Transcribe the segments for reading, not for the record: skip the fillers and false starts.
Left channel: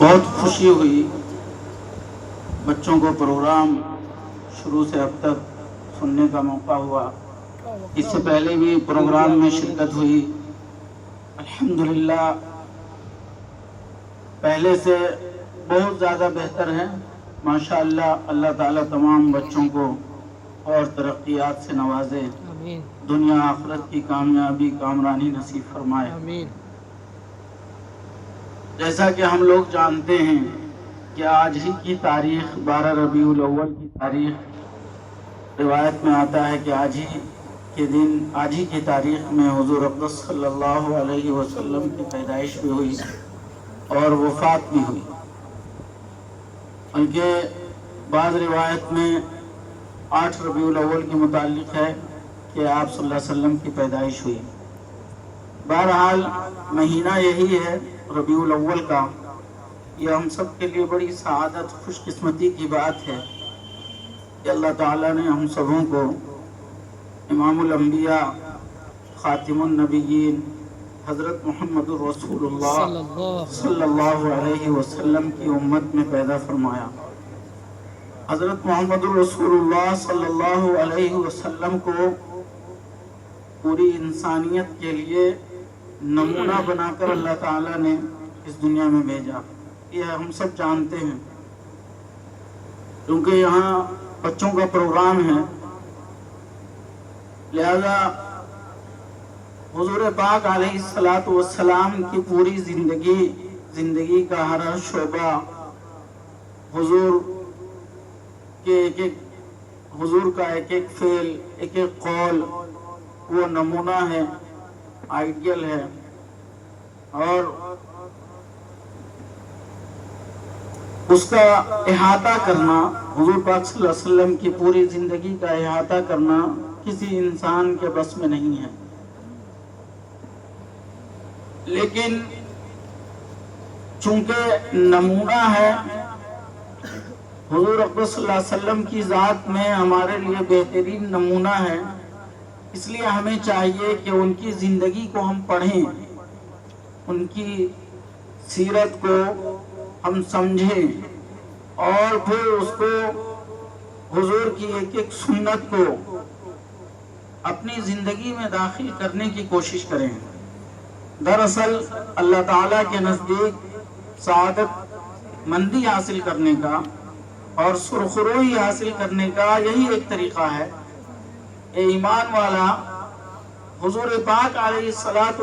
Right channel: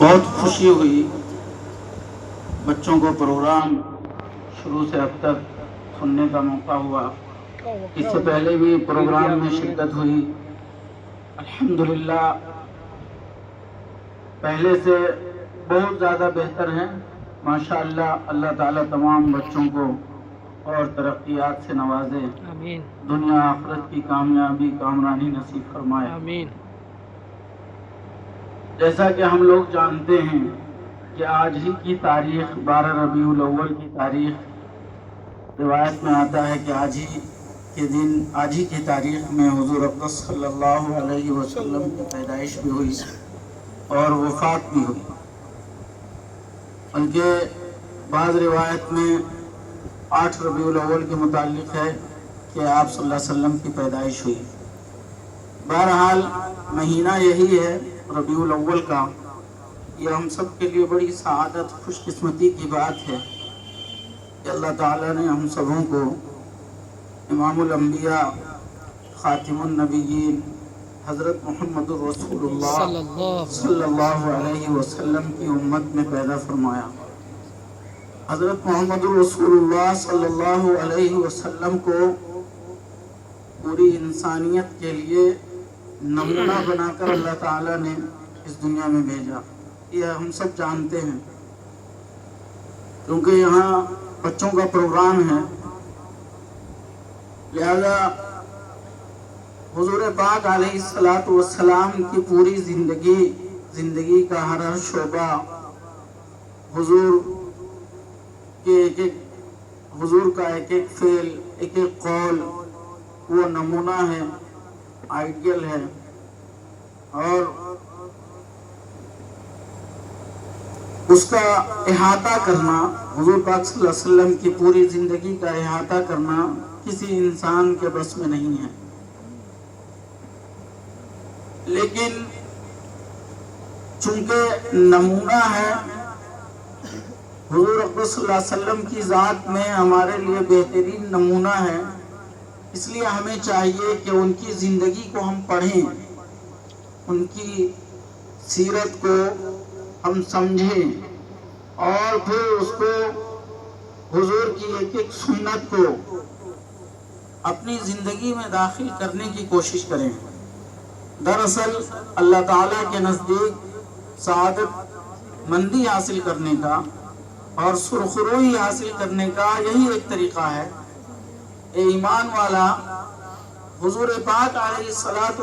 بہت خوشی ہوئی بچوں کو پروگرام شروع سے اب تک سننے کا موقع ہوا. اس سے پہلے بھی پروگرام میں شرکت ہوئی. الحمدللہ پہلے سے بہت زیادہ بہتر ہے. ماشاءاللہ اللہ تعالیٰ تمام بچوں کو اور ترقیات سے نوازے. آمین دنیا آخرت کی کامیابی کامرانی نصیب فرمائے. آمین. جیسا کہ ہم لوگ جانتے ہیں کہ آج ہی کی تاریخ 12 ربیع الاول کی تاریخ روایت میں آتا ہے کہ آج ہی کی تاریخ میں حضور اقدس صلی اللہ علیہ وسلم کی پیدائش بھی ہوئی اور وفات بھی ہوئی. بلکہ بعض روایت میں 8 ربیع الاول کے متعلق ہے کہ آپ صلی اللہ علیہ وسلم کی پیدائش ہوئی. بہرحال مہینہ یہی ہے ربیع الاول کا. یہ ہم سب کے لیے بڑی سعادت خوش قسمتی کی بات ہے کہ اللہ تعالیٰ نے ہم سبوں کو امام الانبیاء خاتم النبیین حضرت محمد الرسول اللہ صلی اللہ علیہ وسلم کی امت میں پیدا فرمایا. حضرت محمد الرسول اللہ صلی اللہ علیہ وسلم کو پوری انسانیت کے لیے نمونہ بنا کر اللہ تعالیٰ نے اس دنیا میں بھیجا. یہ ہم سب جانتے ہیں. کیونکہ یہاں بچوں کا پروگرام ہے لہذا حضور پاک علیہ السلام کی پوری زندگی کا ہر شعبہ حضور کا ایک ایک فعل ایک ایک قول وہ نمونہ ہے، آئیڈیل ہے. اور اس کا احاطہ کرنا، حضور پاک صلی اللہ علیہ وسلم کی پوری زندگی کا احاطہ کرنا کسی انسان کے بس میں نہیں ہے. لیکن چونکہ نمونہ ہے، حضور اقدس صلی اللہ علیہ وسلم کی ذات میں ہمارے لیے بہترین نمونہ ہے، اس لیے ہمیں چاہیے کہ ان کی زندگی کو ہم پڑھیں، ان کی سیرت کو ہم سمجھیں اور پھر اس کو حضور کی ایک ایک سنت کو اپنی زندگی میں داخل کرنے کی کوشش کریں. دراصل اللہ تعالیٰ کے نزدیک سعادت مندی حاصل کرنے کا اور سرخروئی حاصل کرنے کا یہی ایک طریقہ ہے. اے ایمان والا، حضور پاک علیہ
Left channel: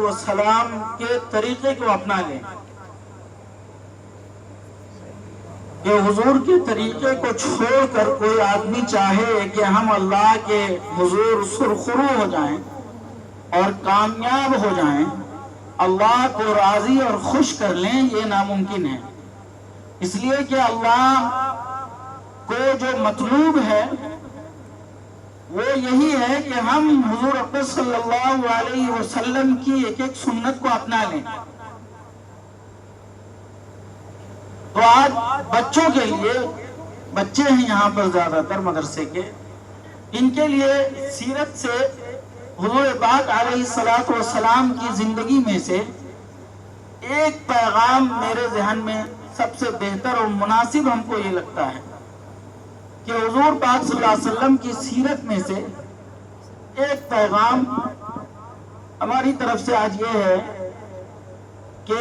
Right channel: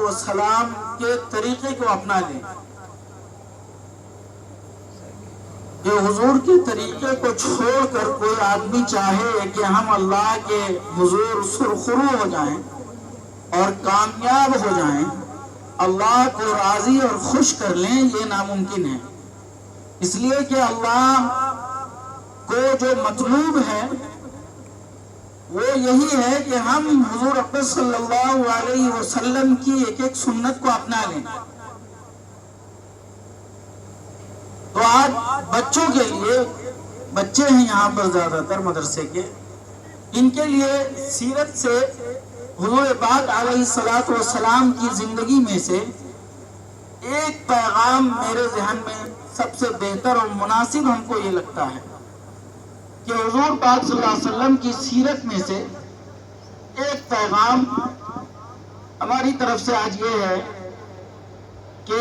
السلام کے طریقے کو اپنا لیں. کہ حضور کے طریقے کو چھوڑ کر کوئی آدمی چاہے کہ ہم اللہ کے حضور سرخرو ہو جائیں اور کامیاب ہو جائیں، اللہ کو راضی اور خوش کر لیں، یہ ناممکن ہے. اس لیے کہ اللہ کو جو مطلوب ہے وہ یہی ہے کہ ہم حضور اقدس صلی اللہ علیہ وسلم کی ایک ایک سنت کو اپنا لیں. تو آج بچوں کے لیے، بچے ہیں یہاں پر زیادہ تر مدرسے کے، ان کے لیے سیرت سے حضور پاک علیہ السلام کی زندگی میں سے ایک پیغام میرے ذہن میں سب سے بہتر اور مناسب ہم کو یہ لگتا ہے کہ حضور پاک صلی اللہ علیہ وسلم کی سیرت میں سے ایک پیغام ہماری طرف سے آج یہ ہے کہ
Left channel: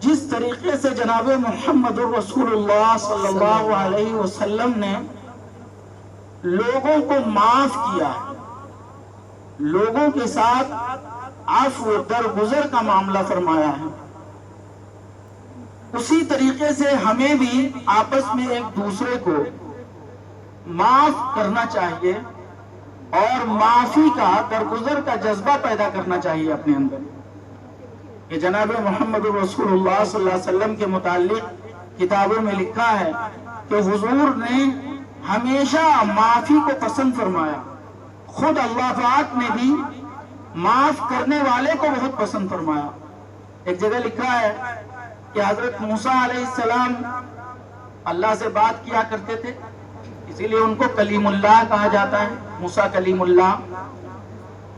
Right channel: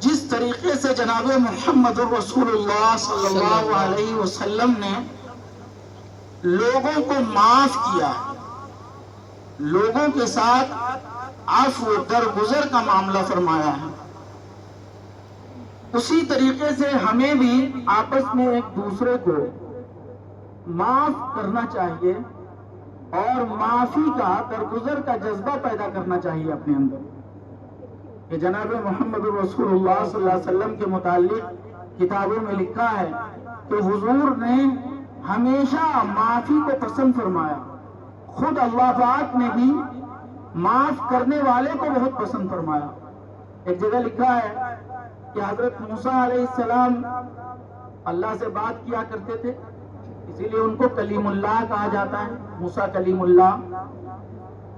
جس طریقے سے جناب محمد الرسول اللہ صلی اللہ علیہ وسلم نے لوگوں کو معاف کیا ہے، لوگوں کے ساتھ عفو درگزر کا معاملہ فرمایا ہے، اسی طریقے سے ہمیں بھی آپس میں ایک دوسرے کو معاف کرنا چاہیے اور معافی کا درگزر کا جذبہ پیدا کرنا چاہیے اپنے اندر. کہ جناب محمد رسول اللہ صلی اللہ علیہ وسلم کے متعلق کتابوں میں لکھا ہے کہ حضور نے ہمیشہ معافی کو پسند فرمایا. خود اللہ پاک نے بھی معاف کرنے والے کو بہت پسند فرمایا. ایک جگہ لکھا ہے کہ حضرت موسیٰ علیہ السلام اللہ سے بات کیا کرتے تھے، اسی لیے ان کو کلیم اللہ کہا جاتا ہے، موسیٰ کلیم اللہ.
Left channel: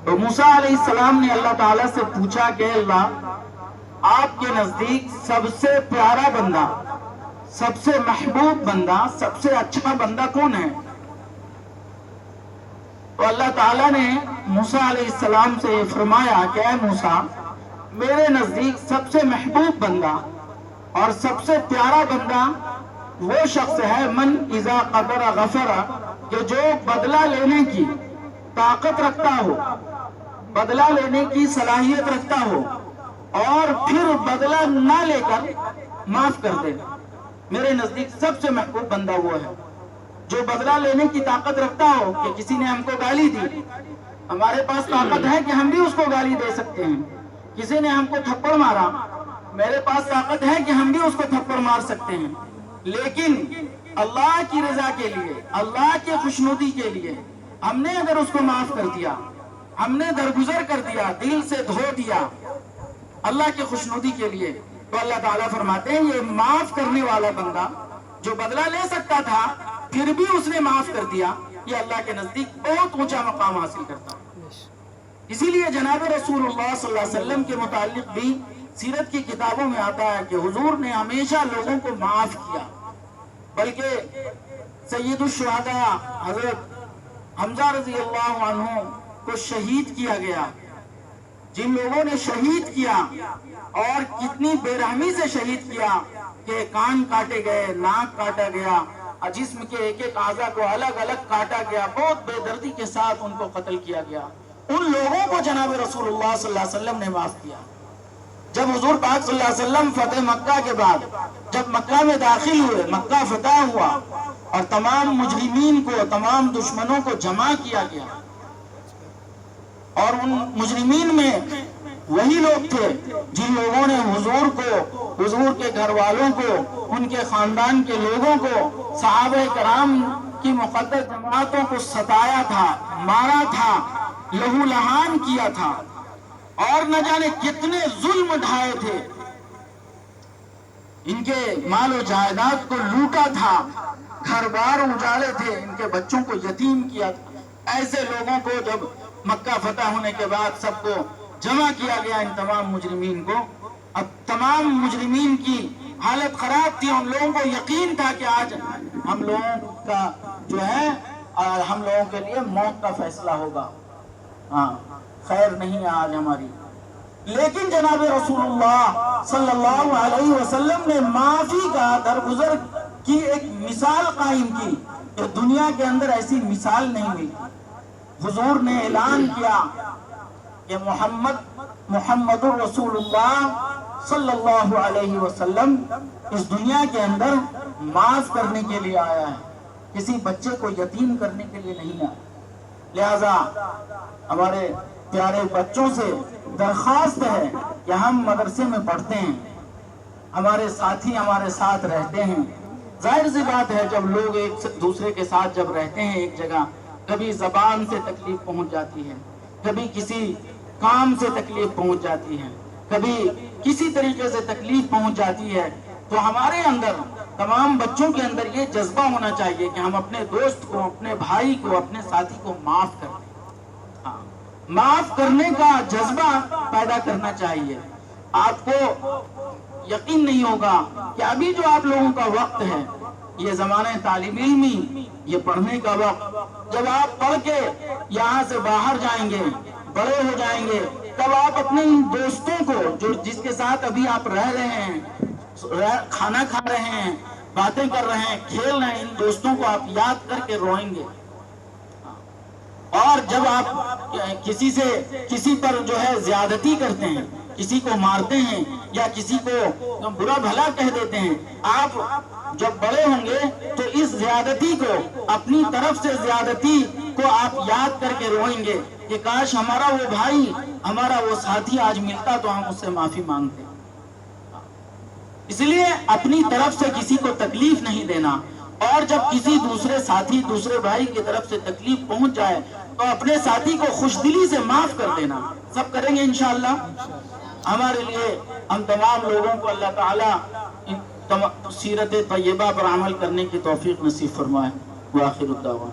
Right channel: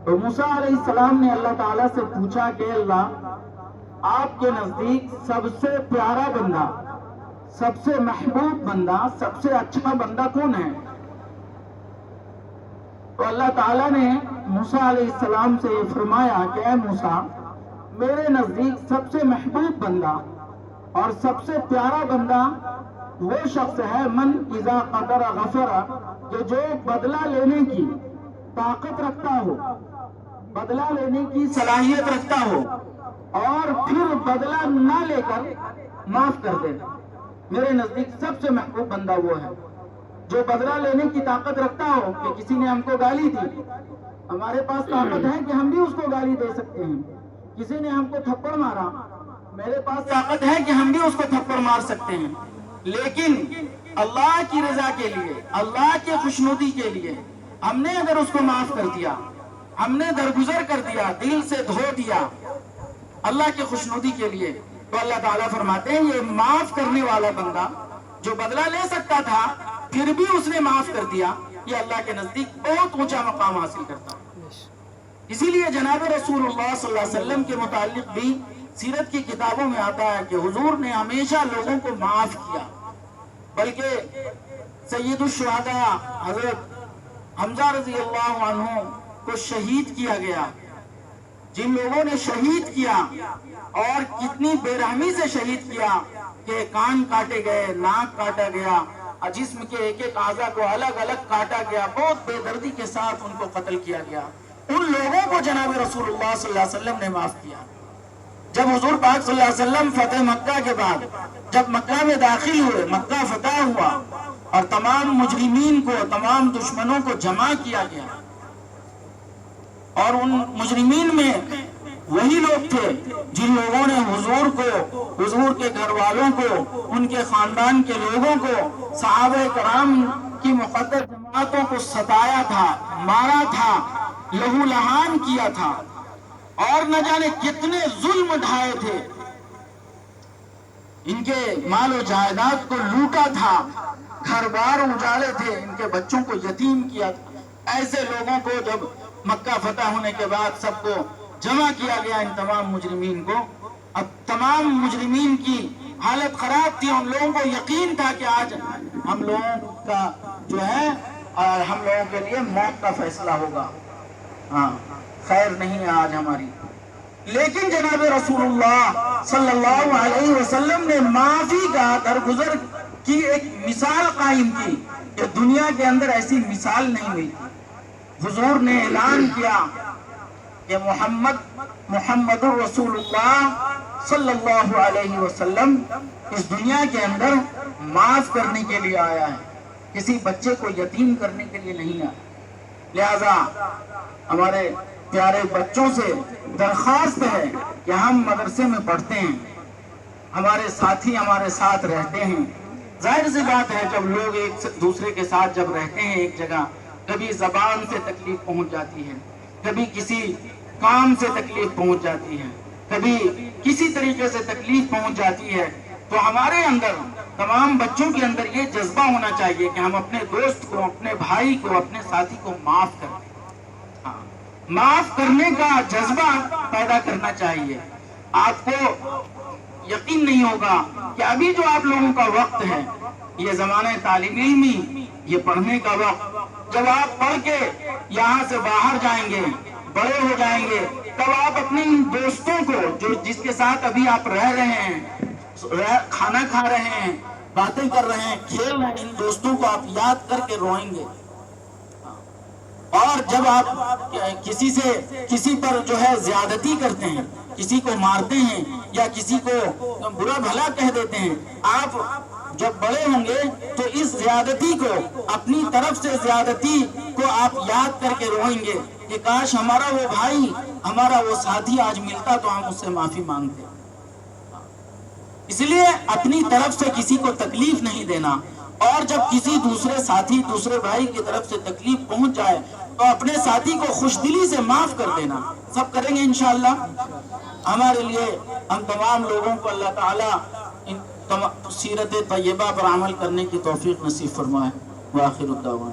تو موسیٰ علیہ السلام نے اللہ تعالیٰ سے پوچھا کہ اللہ آپ کے نزدیک سب سے پیارا بندہ، سب سے محبوب بندہ، سب سے اچھا بندہ کون ہے؟ تو اللہ تعالیٰ نے موسیٰ علیہ السلام سے یہ فرمایا کہ اے موسیٰ، میرے نزدیک سب سے محبوب بندہ اور سب سے پیارا بندہ وہ شخص ہے من اذا قدر غفر، کہ جو بدلہ لینے کی طاقت رکھتا ہو، بدلہ لینے کی صلاحیت رکھتا ہو اور پھر بدلہ نہ لے کر معاف کر دے. میرے نزدیک سب سے محبوب بندہ وہ ہے جو بدلہ لینے کی طاقت رکھتا ہو کہ کسی نے ہم کو گالی دی، ہمارے پاس طاقت ہے کہ ہم بھی اس کو گالی دے سکتے ہیں. کسی نے ہم کو تھپڑ مارا، میرے پاس طاقت ہے کہ ہم بھی اس کو تھپڑ مار سکتے ہیں. لیکن اللہ کی رضا کے لیے، اللہ کی خوشنودی کے لیے ہم نے اگر اس کو معاف کر دیا، ہم نے درگزر کر دیا، دل سے دھو دیا اللہ کی خوشنودی کے لیے، تو اللہ تعالیٰ فرماتے ہیں یہ معاف کرنے والا بندہ جو بدلہ لے سکتا تھا پھر بھی اس نے معاف کر دیا، یہ اللہ کے نزدیک بہت اونچا مقام حاصل کرتا ہے. اسی لیے جناب رسول اللہ صلی اللہ علیہ وسلم کے متعلق بھی سیرت کی کتابوں میں آتا ہے کہ حضور نے ہمیشہ لوگوں کو معاف کیا. بلکہ سید الشہداء حضرت حمزہ رضی اللہ عنہ کو شہید کیا گیا، جن لوگوں نے شہید کیا اور کتنی بے رحمی سے شہید کیا کہ کان کاٹے گئے، ناک کاٹا گیا، جسم کے ایک ایک اعضاء کو الگ الگ کاٹا گیا، بہت بے دردی کے ساتھ ان کو قتل کیا گیا. ان لوگوں کو جناب رسول اللہ صلی اللہ علیہ وسلم نے معاف کیا. جب حضور پاک صلی اللہ علیہ وسلم فتح مکہ کے بعد جب مکہ میں داخل ہوئے، مکہ فتح ہوا اور تمام مجرمین کو، تمام دشمنوں کو جمع کیا گیا، اور ان مجرمین میں وہی لوگ تھے جن لوگوں نے حضور کو، حضور کے گھر والوں کو، ان کے خاندان کے لوگوں کو، صحابہ کرام کی مقدس جماعتوں کو ستایا تھا، مارا تھا، لہو لہان کیا تھا اور نہ جانے کتنے ظلم ڈھائے تھے، ان کے مال و جائیداد کو لوٹا تھا، گھر بار اجاڑے تھے، ان کے بچوں کو یتیم کیا تھا. ایسے لوگوں کو جب مکہ فتح ہونے کے بعد سب کو جمع کیا گیا، ان تمام مجرمین کو، اب تمام مجرمین کی حالت خراب تھی. ان لوگوں کو یقین تھا کہ آج ہم لوگوں کا جو ہے ہم لوگوں کے لیے موت کا فیصلہ ہوگا، ہاں خیر نہیں آج ہماری. لیکن جناب رسول اللہ صلی اللہ علیہ وسلم نے معافی کا، درگزر کی ایک مثال قائم کی کہ دنیا کے اندر ایسی مثال نہیں ہوئی. حضور نے اعلان کیا کہ محمد رسول اللہ صلی اللہ علیہ وسلم اس دنیا کے اندر معاف کرنے کے لیے آیا ہے، کسی بچے کو یتیم کرنے کے لیے نہیں آیا. لہذا ہمارے پیارے بچوں سے درخواست ہے کہ ہم مدرسے میں پڑھتے ہیں، ہمارے ساتھی ہمارے ساتھ رہتے ہیں. ظاہر سی بات ہے جب لوگ ایک دوسرے کے ساتھ جب رہتے ہیں ایک جگہ، کبھی زبان سے تکلیف پہنچ جاتی ہے، کبھی کسی کام سے تکلیف پہنچ جاتی ہے، کبھی کسی طریقے سے تکلیف پہنچ جاتی ہے، تو ہمارے اندر، تمام بچوں کے اندر یہ جذبہ ہونا چاہیے کہ ہم اپنے دوست کو، اپنے بھائی کو، اپنے ساتھی کو معاف کریں. معاف کرنے کا جذبہ پیدا کرنا چاہیے. آپ کو یقین نہیں ہوگا کہ ابھی جو آپ لوگوں کا وقت ہے، یہ زمانہ طالب علمی، یہ پڑھنے کا وقت، جب آپ پڑھ کے یہاں سے باہر جائیں گے، بڑے ہو جائیں گے، تب آپ اپنے ان دوستوں کو جس کے ساتھ ابھی آپ رہ رہے ہیں، کھانا کھا رہے ہیں، باتیں کر رہے ہیں، کھیل رہے ہیں، ان دوستوں کو آپ یاد کر کے روئیں گے. اور جب آپ کسی پر جو ہے زیادتی کرتے ہیں، کسی کو مارتے ہیں یا کسی کو برا بھلا کہہ دیتے ہیں، آپ جب بڑے ہوں گے تو اس زیادتی کو، اپنی طرف سے زیادتی کو آپ یاد کر کے روئیں گے کہ کاش ہمارا وہ بھائی، ہمارا وہ ساتھی آج ملتا تو ہم اس سے معافی مانگتے. اس لیے اپنی طرف سے کسی کو تکلیف نہیں دینا، اور جب کسی دوسرے ساتھی، دوسرے بھائی کی طرف سے تکلیف پہنچ جائے تو اپنے ساتھی کو خوش دلی سے معاف کر دینا. سب کریں گے انشاءاللہ. ہمارے لیے، ہم تمام لوگوں کو اللہ تعالیٰ سیرت طیبہ پر عمل کرنے کی توفیق نصیب فرمائے. وآخر الدعوان